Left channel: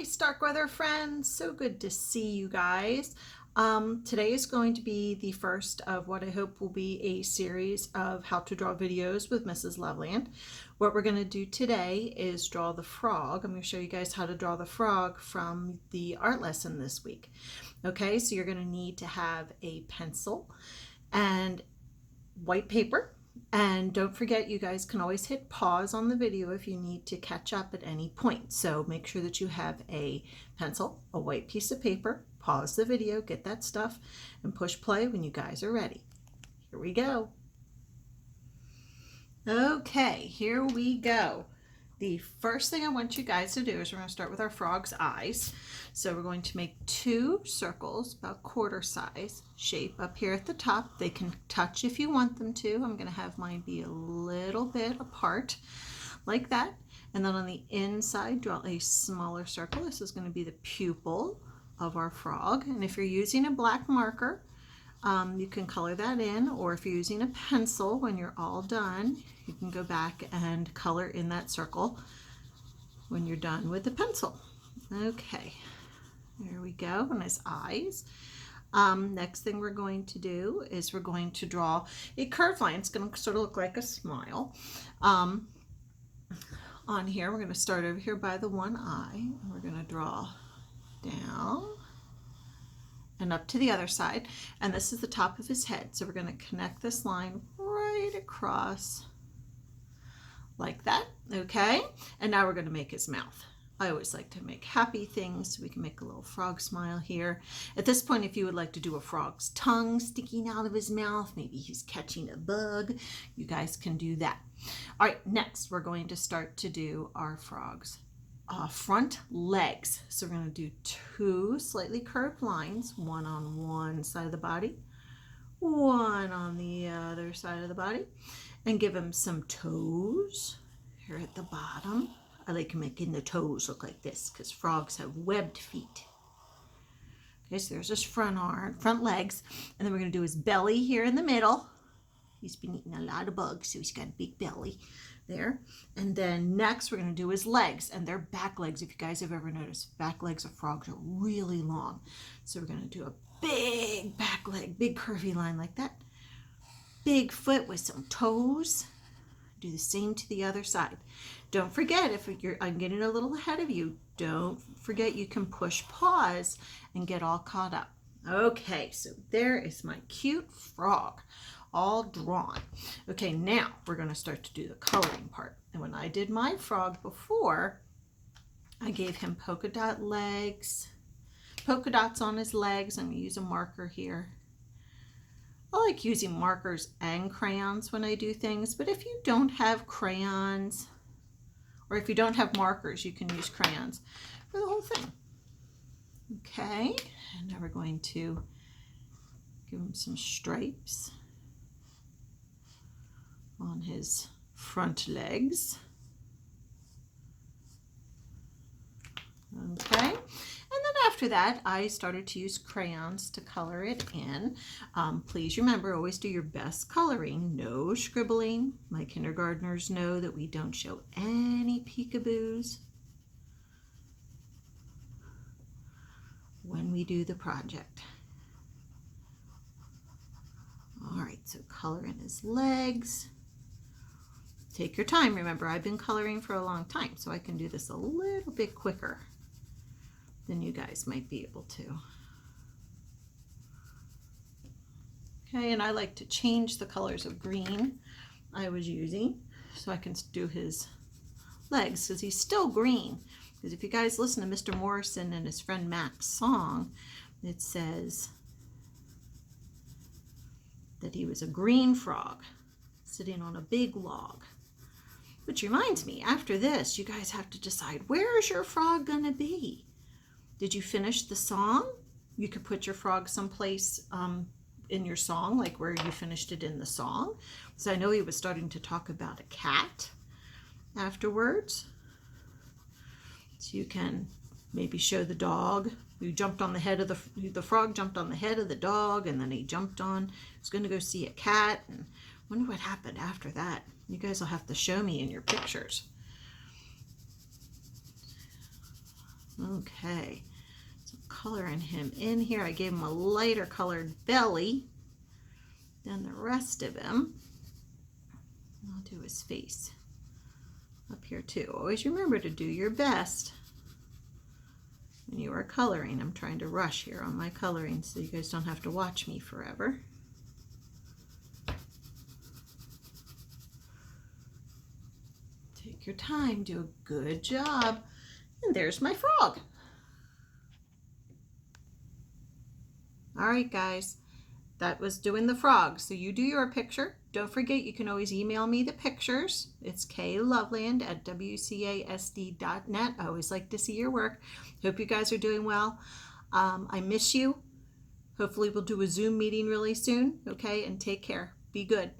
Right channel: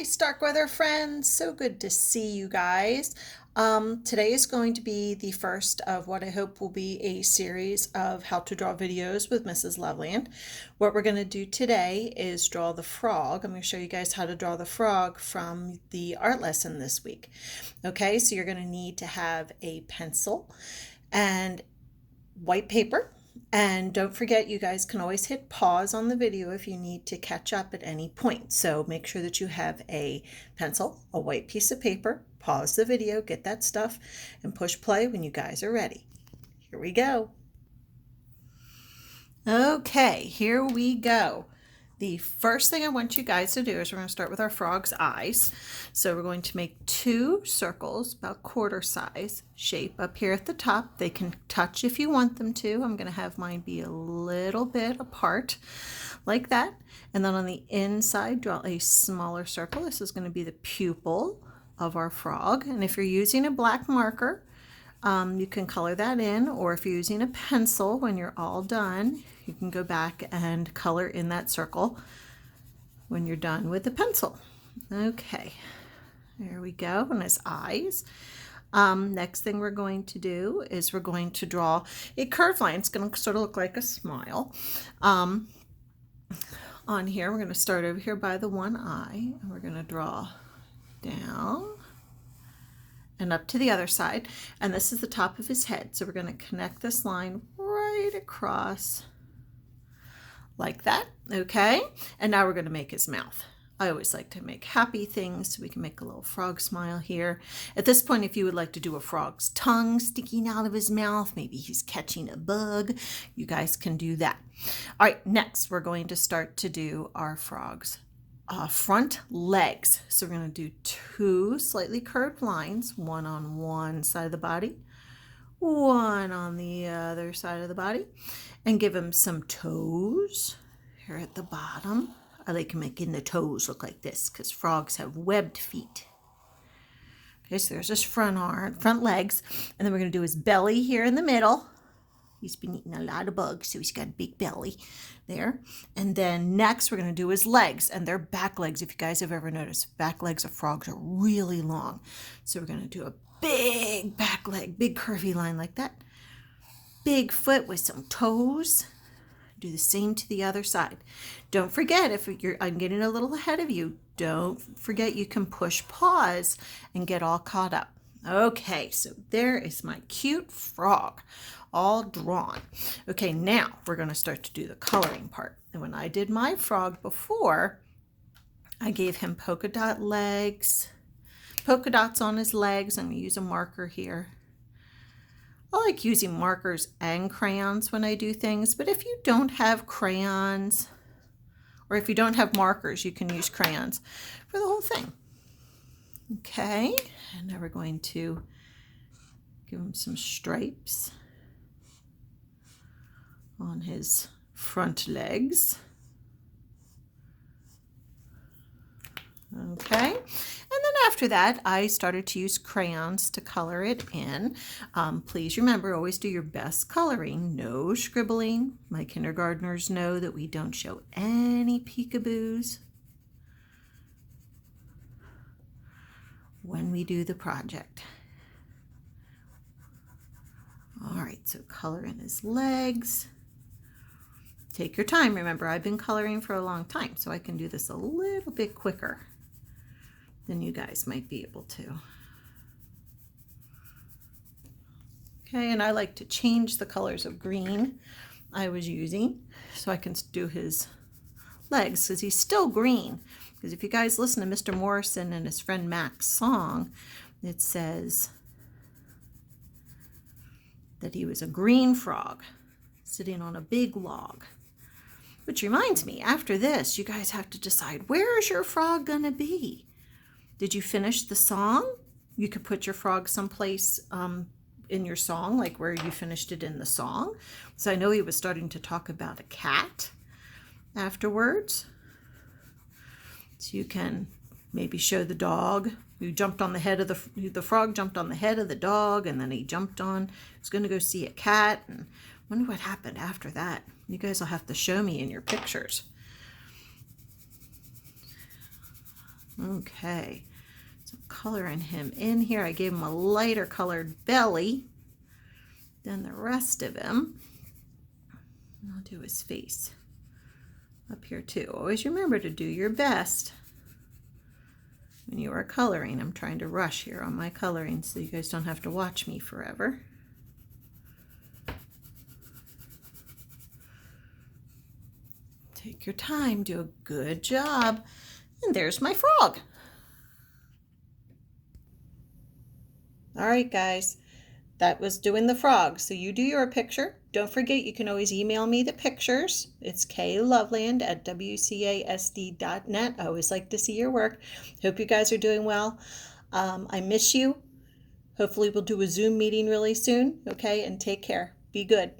Hi, Starkweather friends. So good to see you guys. Today is going to be the first of what I hope will be a series of how to draw videos with Mrs. Loveland. What we're going to do today is draw the frog. I'm going to show you guys how to draw the frog from the art lesson this week. Okay, so you're going to need to have a pencil and white paper. And don't forget, you guys can always hit pause on the video if you need to catch up at any point. So make sure that you have a pencil, a white piece of paper, pause the video, get that stuff, and push play when you guys are ready. Here we go. Okay, here we go. The first thing I want you guys to do is we're going to start with our frog's eyes. So we're going to make two circles about quarter size shape up here at the top. They can touch if you want them to. I'm going to have mine be a little bit apart like that. And then on the inside, draw a smaller circle. This is going to be the pupil of our frog. And if you're using a black marker, you can color that in, or if you're using a pencil, when you're all done, you can go back and color in that circle when you're done with the pencil. Okay, there we go, and his eyes. Next thing we're going to do is we're going to draw a curved line. It's going to sort of look like a smile. On here, we're going to start over here by the one eye, and we're going to draw down and up to the other side, and this is the top of his head. So we're going to connect this line right across like that, okay? And now we're going to make his mouth. I always like to make happy things, so we can make a little frog smile here. At this point, if you would like to do a frog's tongue sticking out of his mouth, maybe he's catching a bug, you guys can do that. All right, next we're going to start to do our frog's front legs. So we're going to do two slightly curved lines, one on one side of the body, one on the other side of the body, and give him some toes here at the bottom. I like making the toes look like this because frogs have webbed feet. Okay, so there's his front legs, and then we're going to do his belly here in the middle. He's been eating a lot of bugs, so he's got a big belly there. And then next, we're going to do his legs, and they're back legs. If you guys have ever noticed, back legs of frogs are really long. So we're going to do a big back leg, big curvy line like that. Big foot with some toes. Do the same to the other side. Don't forget, I'm getting a little ahead of you, don't forget you can push pause and get all caught up. Okay, so there is my cute frog, all drawn. Okay, now we're going to start to do the coloring part. And when I did my frog before, I gave him polka dot legs, polka dots on his legs. I'm going to use a marker here. I like using markers and crayons when I do things, but if you don't have crayons, or if you don't have markers, you can use crayons for the whole thing. Okay, and now we're going to give him some stripes on his front legs. Okay, and then after that, I started to use crayons to color it in. Please remember, always do your best coloring, no scribbling. My kindergartners know that we don't show any peekaboos when we do the project. All right, so color in his legs. Take your time. Remember, I've been coloring for a long time, so I can do this a little bit quicker than you guys might be able to. Okay, and I like to change the colors of green I was using so I can do his legs, because he's still green. Because if you guys listen to Mr. Morrison and his friend Mac's song, it says that he was a green frog sitting on a big log. Which reminds me, after this, you guys have to decide, where is your frog going to be? Did you finish the song? You could put your frog someplace in your song, like where you finished it in the song. So I know he was starting to talk about a cat afterwards. So you can maybe show the dog. You jumped on the head of the frog jumped on the head of the dog, and then he jumped on. He's going to go see a cat, and wonder what happened after that. You guys will have to show me in your pictures. Okay, so coloring him in here. I gave him a lighter colored belly than the rest of him. And I'll do his face up here too. Always remember to do your best when you are coloring. I'm trying to rush here on my coloring so you guys don't have to watch me forever. Take your time, do a good job. And there's my frog. All right, guys, that was doing the frog. So you do your picture. Don't forget, you can always email me the pictures. It's kloveland@wcasd.net. I always like to see your work. Hope you guys are doing well. I miss you. Hopefully we'll do a Zoom meeting really soon, okay? And take care. Be good.